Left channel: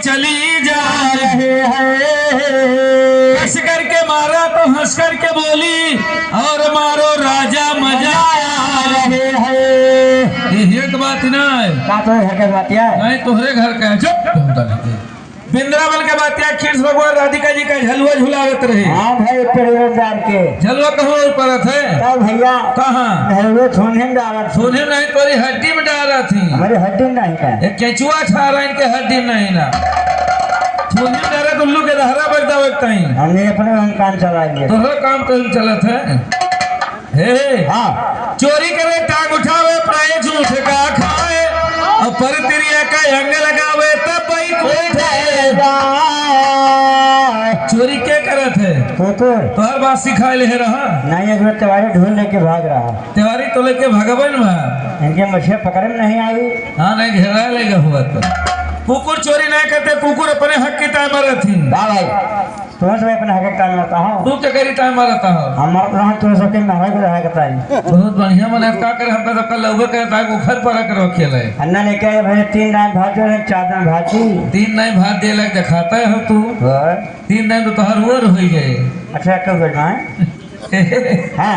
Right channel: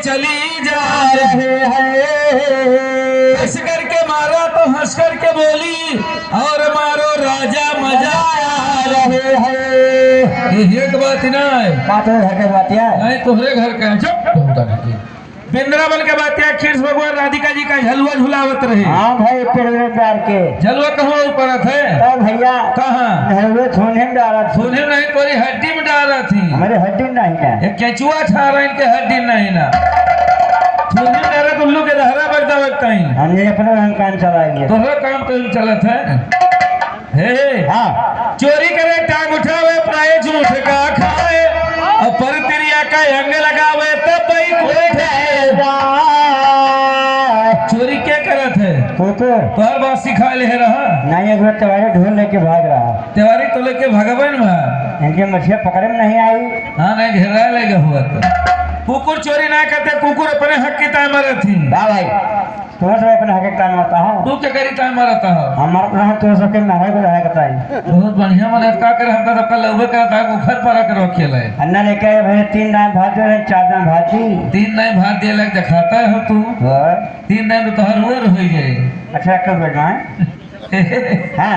चली जा रहे हैं। हंस करके मारा तो हंस करके बोली और मारो राजा मजा आ रहे हैं। ये तो बात ना है का तो घर के बात है नहीं तोहरे घर का है। चुप वृंदावन के बात है। कृष्ण भगवान राधिका जी का झलुआ झुलावत रहे। हाँ भाई पेड़दार के झलुआ कहाँ करत है तब भैया कहाँ वो सोने में डाला सोने नहीं तोरी हड्डी में डाला थी। हमारे हड्डी नहीं है एक केचुआ छा रहा इनके हड्डी नहीं ना सोने में डाला तुम लोग के हरा बगदा बगता ही हमने अपने वहाँ काम चला लिया तोहरा काम तो चलत है। हे हाँ चोरी करे टांग उठावे प्राय झूठ का खाए और परतिरिया का अंग लगावे तब चोरी क्या करत है कुकुर तो हर बात सिखा ले रहा नहीं एक त्योहारी ढूंढ लेके भाग रहा त्योहारी तो लेके भगवान में इनके मछलियाँ पकड़े में नहीं आई। हाँ नहीं घेरा लेगा हुआ तो कुकुर चोरी ना करते कुकुर अपने हक की ताय मारे थी। हाँ भाई तुम्हें सब अपने हक काम आता हूँ तू क्या करी ताय मारता हो हमारा तो हम तो सबके महंगाई को रहा करता है बहुत बढ़िया मन का कर हम सबका लौबे करता है उखर पर करो खेले अन्ना लेके आए भाई 3 दाम भात दे 4 दाम भाजी 3 नहीं भात दे लग दिखाता हो तू 3 नहीं तो तोहर और हो गए। अच्छा कब बैठना है हाँ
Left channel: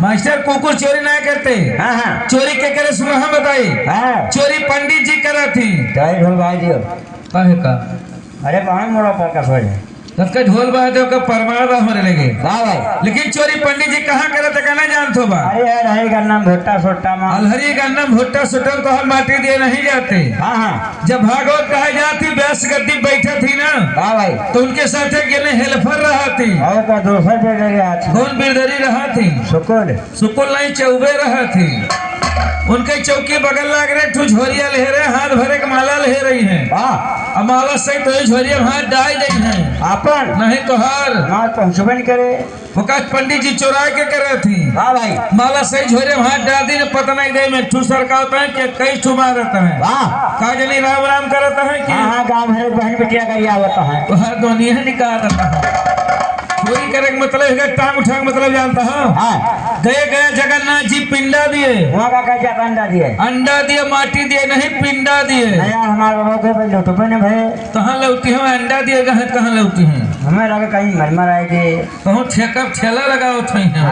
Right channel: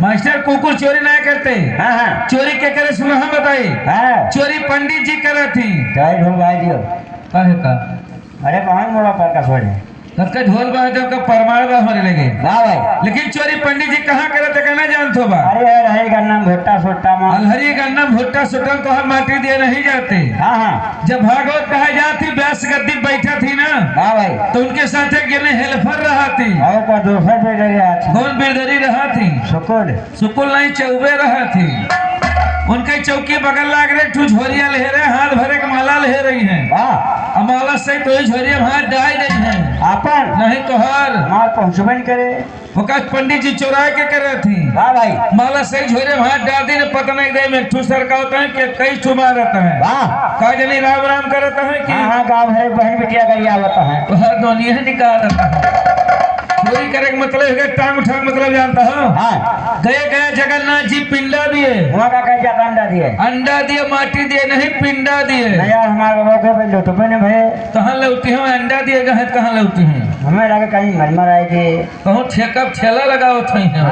मास्टर कुकुर चोरी ना करते। हाँ हाँ चोरी के करे सुना हम बताई हाँ चोरी पंडित जी करा थी। चाय ढूंढ भाई दियो काहे का अरे कहाँ मोड़ा पर का सोरे सबका ढोल बाजे का परमार बा होने लगे। हाँ भाई लेकिन चोरी पंडित जी कहाँ करे थे कहना जानतो बा। अरे यार हरी का नाम भुट्टा सोट्टा माँ अलहरी का नाम भुट्टा सुट्टा तो हर माटी दिए नहीं जाते। हाँ हाँ जब भागवत कहा जाती व्यास गद्दी बैठा थी ना हाँ भाई तो उनके साथ एक हेल्पर रहा थी। और का दूसरा पे ले गया था कौन बिरदरी रहा थी सुकुल सुकुल नहीं चौबे रहा थी। उनके चौकी बगल लाग रहे ठू झोरिया ले रहे हाथ भरे के माला ले रही है। हाँ माला से तो झोरिया हाथ डाल रही है अपन नहीं तो हर माल पहुँचबे नहीं करे वकाश पंडित जी चुरा के कर रहे थी। वाह भाई माला से झोरे हाथ डाल दी पता नहीं दे में ठू सरका होता है कि कई ठू मारता है वाह का जनी राम राम करता है कि हाँ गाँव है बहन बेटिया का ये आवता है तो हर दोनों ही निकाल रहा है। चोरी करे का मतलब है टांग उठा मतलब जानता है। हाँ गए गया जगन्नाथ जी पिंडा दिए वहाँ का क्या अंडा दिए अंडा दिए माटी दिए नहीं पिंडा दिए। नहीं यार हमारे बाबा को लुटपे ने भाई कहाँ लौटी है अंडा दिए कहाँ लौटी है हमें लगा कहीं मरमर आएगी बहुत ठेका ठेला लगा होते हैं।